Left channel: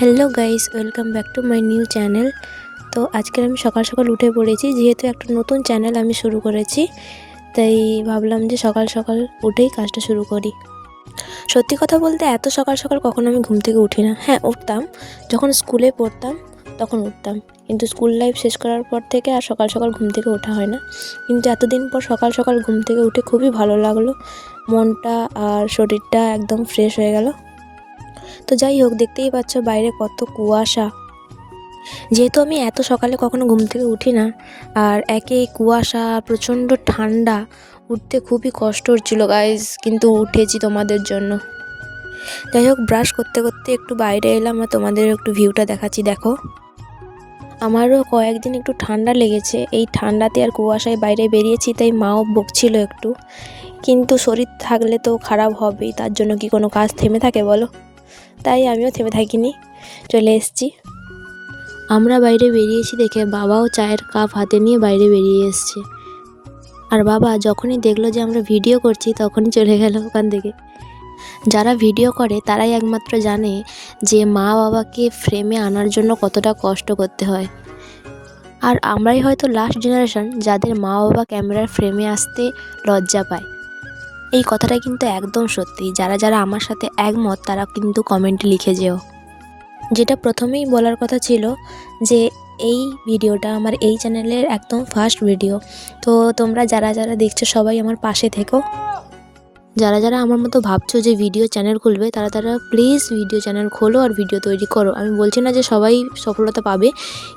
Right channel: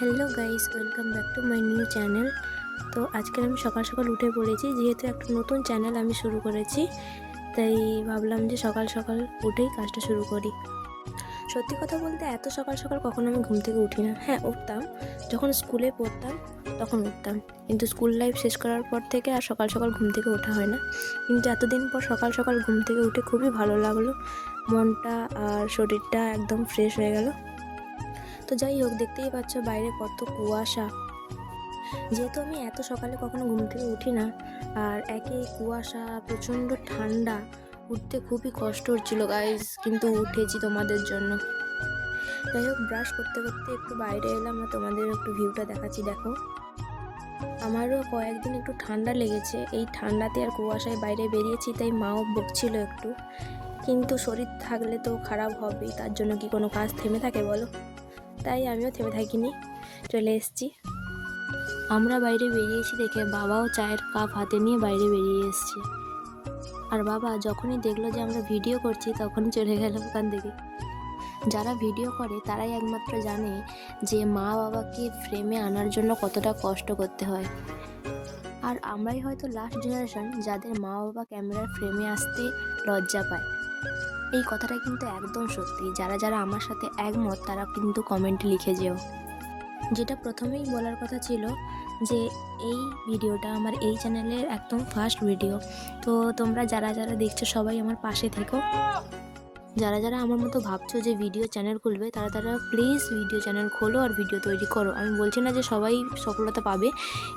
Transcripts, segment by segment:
Hello guys, welcome back to my new channel. তো আজকে আমি সকাল সকাল উঠে পড়েছি, যেহেতু একটা নতুন চ্যানেল আমি শুরু করেছি, তাই ভাবলাম যে সকাল সকাল উঠেই কাজটা শুরু করি। সত্যি কথা বলতে এত সকাল সকাল কখনো আমি ঘুম থেকে উঠি না। হ্যাঁ, উঠতাম যখন স্কুলে পড়তাম, তখন উঠতাম, কিন্তু স্কুল লাইফ শেষ করার পর থেকে আর সকাল সকাল ঘুম থেকে ওঠা হয় না। কিন্তু এতদিন পর সকাল সকাল ঘুম থেকে উঠে খুবই ভালো লাগলো, মনটা আর শরীরটা একদম ফ্রেশ হয়ে গেল। তো যাই হোক, দেখতেই পাচ্ছ বাইরে কত কুয়াশা। যেহেতু আমি এত সকালে কখনো ঘুম থেকে উঠি না, আর একে এই কুয়াশা, প্রচণ্ড ঠান্ডা, উঠতে খুবই কষ্ট হচ্ছিলো গাইজ, কিন্তু উঠেছি তোমাদের জন্য। যাই হোক, ব্রাশ করতে করতে একটু বাইরে এলাম আর তোমাদের একটু ভিউটা দেখাচ্ছি। দেখো, আমারও কয়েকদিন একটু ঠান্ডা লেগেছে, এই ঠান্ডাতে আর কুয়াশায় বাইরে বেরিয়েছি, তাই মাও বকছিল একটু। কিন্তু শরীর থাকলে তো খারাপ হবেই, তার জন্য কি কোনো কাজ থেমে থাকে বলো? তাই আমিও থেমে থাকিনি, চলে এসেছি। আমরা বাইরে বেরিয়েছি দেখে বাবাও চায়ের কাপ হাতে নিয়ে বাইরে বেরিয়ে এসছে। আর বাবা যখনই দেখলো যে আমরা ভিডিও করছি, তখনই চলে গেল ওখান থেকে। যারা ভিডিও করে তারাই একমাত্র জানে যে মা বাবাকে ফ্রেমে আনার জন্য কতটা কষ্ট করতে হয়। আর আমরাই হয়তো লাস্ট জেনারেশন যাদের মা বাবা ক্যামেরার ফ্রেমে আসতে লজ্জা পায়। এই কথাটা কিন্তু একদম সত্যি। যারা যারা আমার সাথে একমত তারা কিন্তু কমেন্টে লিখে যেও। যেটা প্রথমেই বলার কথা ছিল যে এই ভিডিওটা আমার এই চ্যানেলের একদম ফার্স্ট ভিডিও। তো তোমরা যারা যারা দেখছো সবাই আমার পাশে থেকো। যারা যারা আমার মতো ভাবছো যে ভিডিও চ্যানেল খুলবে, তারা তারা প্লিজ ভিডিও চ্যানেল খোলো আর ভিডিও তৈরি করো। আমি বলছি না যে সবাই সফলতা পাবে,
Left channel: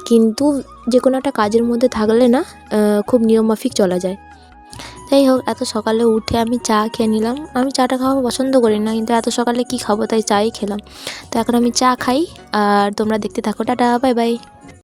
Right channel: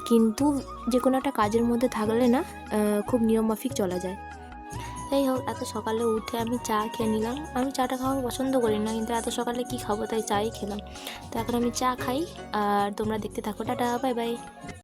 কিন্তু যে কোনো একটা কাজের মধ্যে থাকলে না খুব নিয়মমাফিক চলা যায়। যাই হোক, এত সকালে উঠে আমি চা খেয়ে নিলাম। আমি চাটা খাওয়া পছন্দ করি না, কিন্তু এত সকালে কি খাবো, তাই চাই খেলাম। তো এখন আমি চা খাই, আর তোমরা দেখতে থাকো। Tata, bye bye.